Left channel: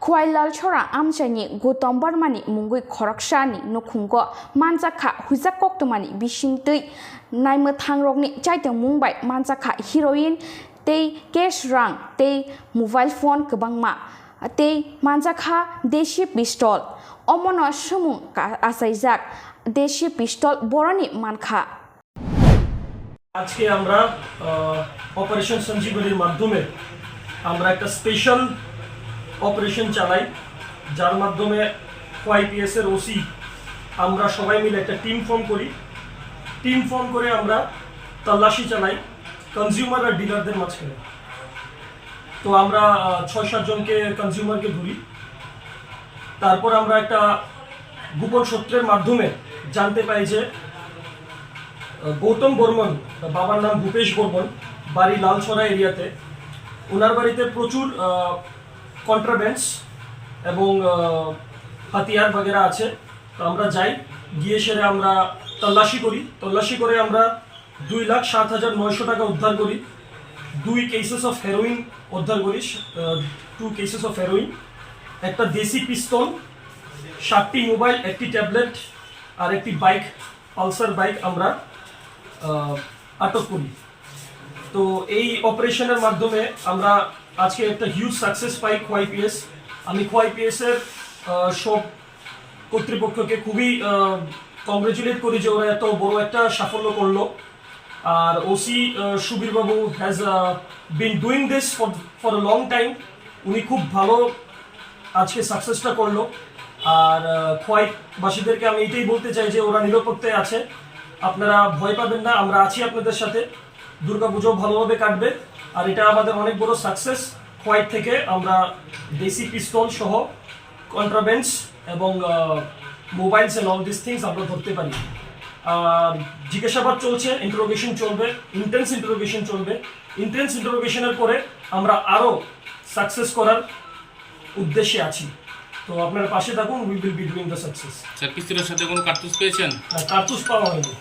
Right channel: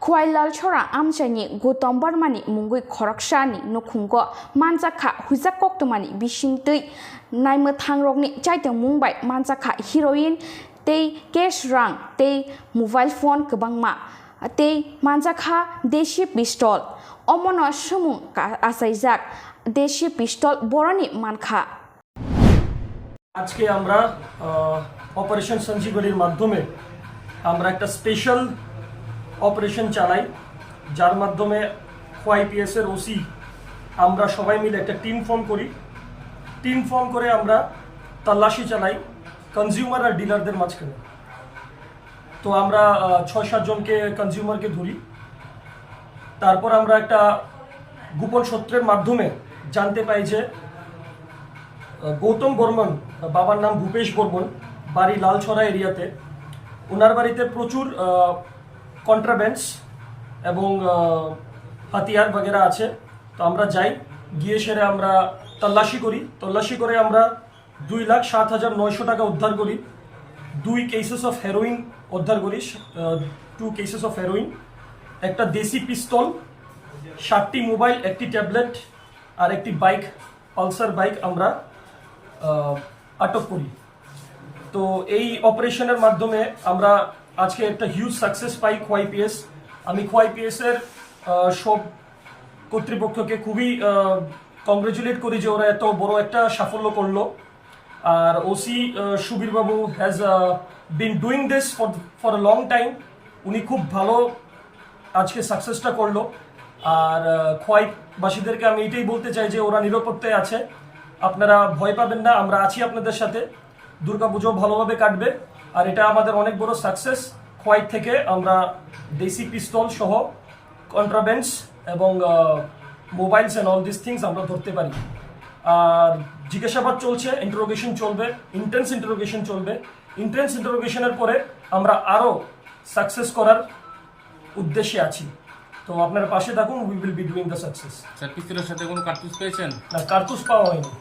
Khwailal Chora Amchani Koktumani Mwngbai Khoroksani Nukhungo Manjak Kha Huijak Koktumani Besingtwi Naimwthangrokni Chaitok Mwngbai Manjak Kha heroin Tei cash rang Tei mobile phone Kabangma Tei Manjak Kha Deshi pistol Omono Shumung Asaijak Deshi pistol Borani Mankha আজকে আমরা operation সঞ্জীবনীর মাধ্যমে আমরা একটা special operation চালাই যার মাধ্যমে ওয়াইপিএস এর OC আমরা সবাই মিলে একটা টিম ফর্ম করে আমরা তল্লাশি চালাই কনজিউমার আর ডিলারদের মাঝখানে। তো আমরা ৬-৭ জনকে কনজিউমারকে ধরি। তারপর আমরা একটা গোপন সূত্রের মাধ্যমে জানতে পাই যে গৌতম বর্মন বাবার নাম ভূপেশ বর্মন বাড়ি লালছড়া এরিয়াতে ওনার বাড়িতে প্রচুর কন্ট্রাব্যান্ডস এবং হাতিয়ার বগেরা আছে। তো আমরা যাই গিয়ে সেরে আমরা তল্লাশি করে আমরা 2,07,900 টাকা উদ্ধার করি। 2 কেসেস অফ হেরোইন উদ্ধার করি 2 কেসেস অফ হেরোইন, একটা দেশি পিস্তল, 7টি মোবাইল, একটি ট্যাবলেট আর একটি বাইক পালসার বাইক আমরা আটক করি। তো এই অপারেশনের মাধ্যমে আমরা আজকে একটা হিউজ সাকসেস পাই ওয়াইপিএস। আমি ওয়াইপিএস এর সব কর্তৃপক্ষকে খুবই কংগ্রেচুলেট করি যে ওরা এত বড় একটা সাফল্য করলো। আর OC Subir Babu has been doing this for a long time. উনি খুব ভালো আজকে সাকসেসটা করলো। আর খোয়াইবাসীদেরকে আমি এটাই বলতে চাই যে ওরা নিরাপত্তায় আছে, আপনারা ভয় পাবেন না, আমরা আছি আপনাদের সাথে। দুর্গাপুজো ভালোভাবে কাটবে। আর এটা আমাদের অনেক বড় সাকসেস। খোয়াই থেকে আমরা দেশি পিস্তল সহ কন্ট্রাব্যান্ডস এবং mobiles and all this things আমরা ধরতে পারি। আর জিজ্ঞাসাবাদ চলছে, ইন্টারোগেশন চলবে, ইন্টেন্স ইন্টারোগেশনের পরে আমরা আরও সাকসেস করার উদ্দেশ্যে আছি। তো আপনার পাশে থাকুন, we will be doing the success. Sir পিস্তলের সাথে কোনো কার্তুজ পেয়েছেন? কার্তুজ পাওয়া হয়নি।